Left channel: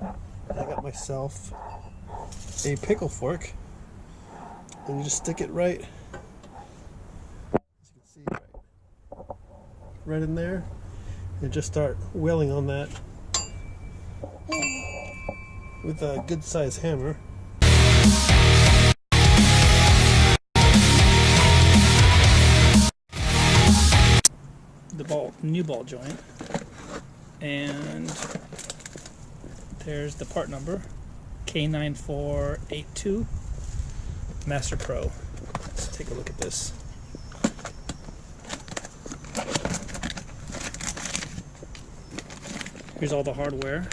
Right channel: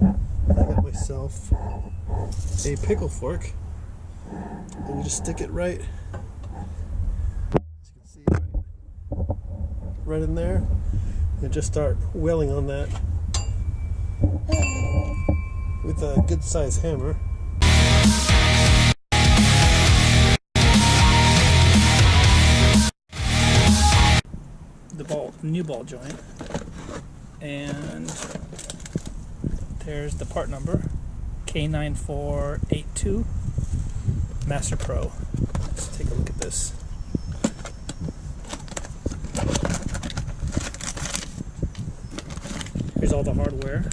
And I got myself a pickle fork, and you just stick it right, as you can see, right in there, and just start wailing on that with a good sized hammer. The new ball joint, and there's the part number K9482 Master Pro. Let's take a look at this. Here's all the hardware.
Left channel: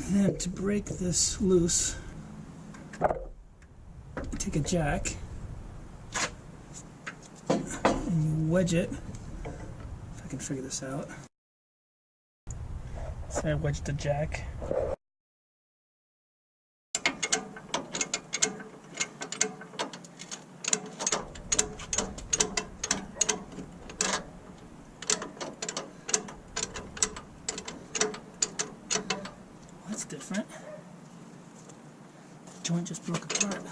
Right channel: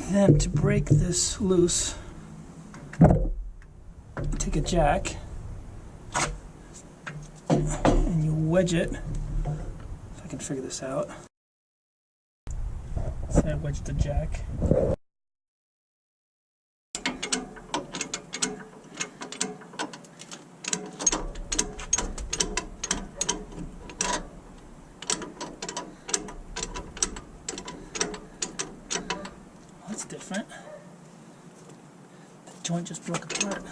And then to break this loose, take a jack and you wedge it. If I can figure this out. So I wedged the jack. That's different. The joint just broke apart.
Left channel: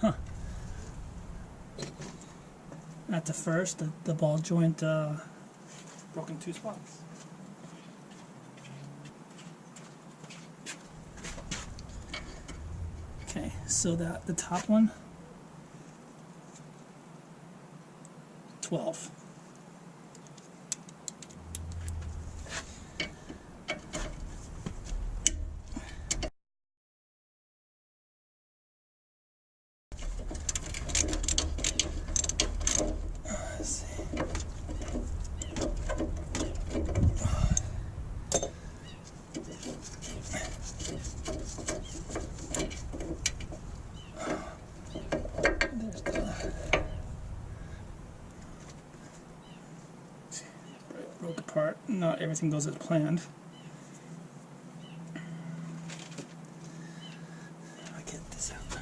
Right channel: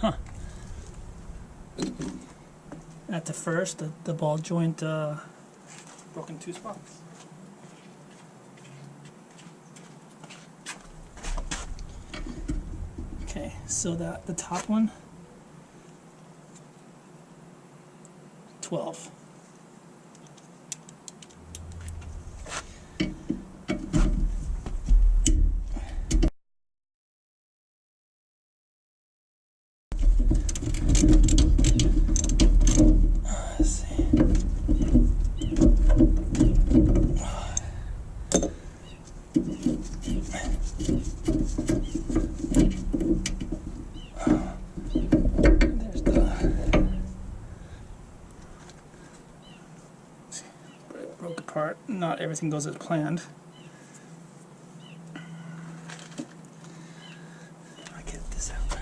Huh. At the first, the ball joint broke in two spots. Okay, so that the top one, 12. Let's see. Broke apart. Not everything goes as planned. I'll get this out.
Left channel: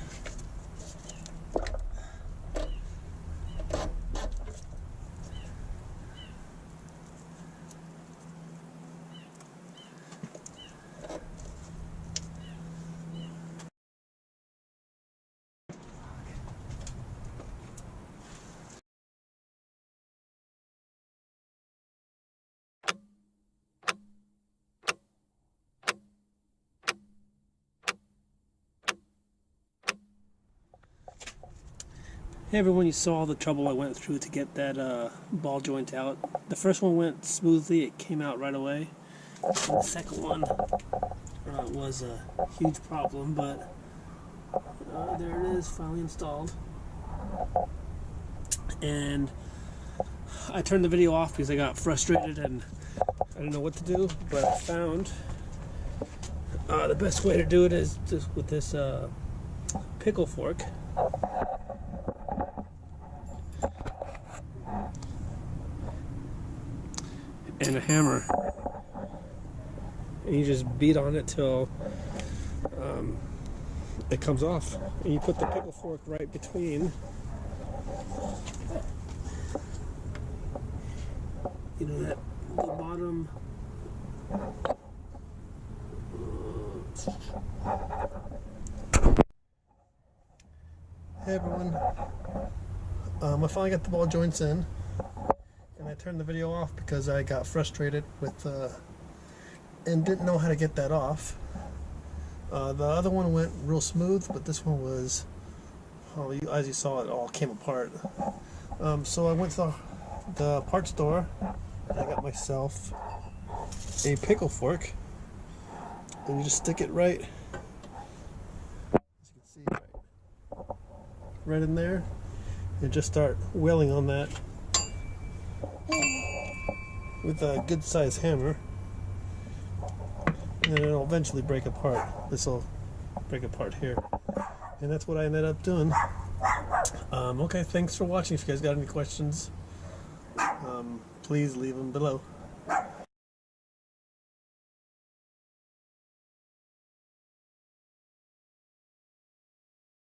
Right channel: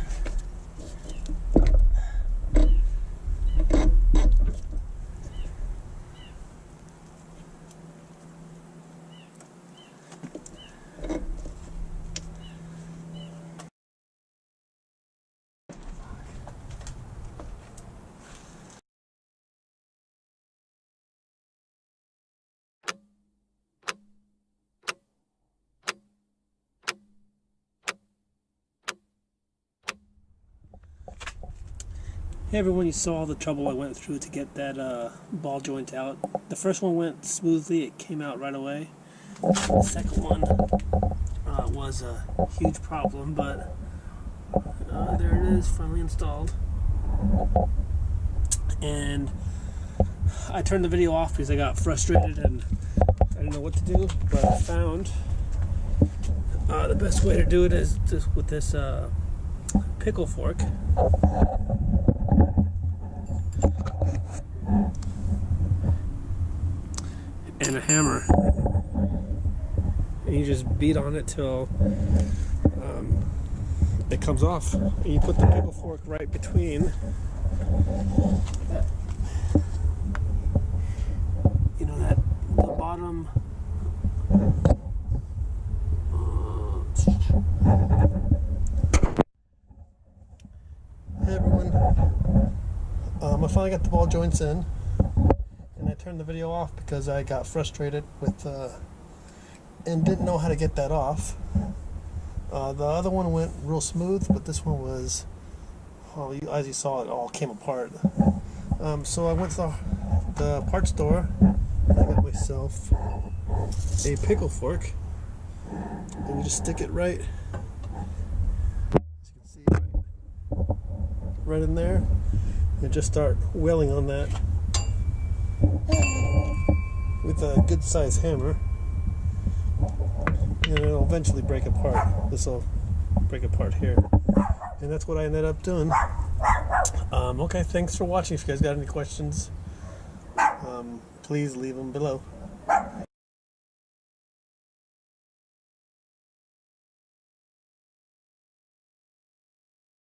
Hey everyone, you saw the trouble I went through to get that ball joint out. The first one went smoothly, it came out right away. The second one was a huge problem, but there it is, finally installed. And I turned the video off because I got frustrated and I didn't know what to do, but I found the best way to do it is just with this pickle fork. And a hammer, and you just beat on it till it comes off, and you put the pickle fork right between, you know, that the bottom Hey everyone, I finally got the ball joints in. And I turned the video off because I got frustrated with and didn't know how to get that off. The other one went real smooth, but this one was, as you saw, it all came apart. So I went to the parts store and I got myself a pickle fork, and you just stick it right, as you can see, right in there, and just start wailing on that with a good size hammer, and it'll eventually break apart. This will break apart here, and that's what I ended up doing. Okay, thanks for watching. If you guys got any questions, please leave them below.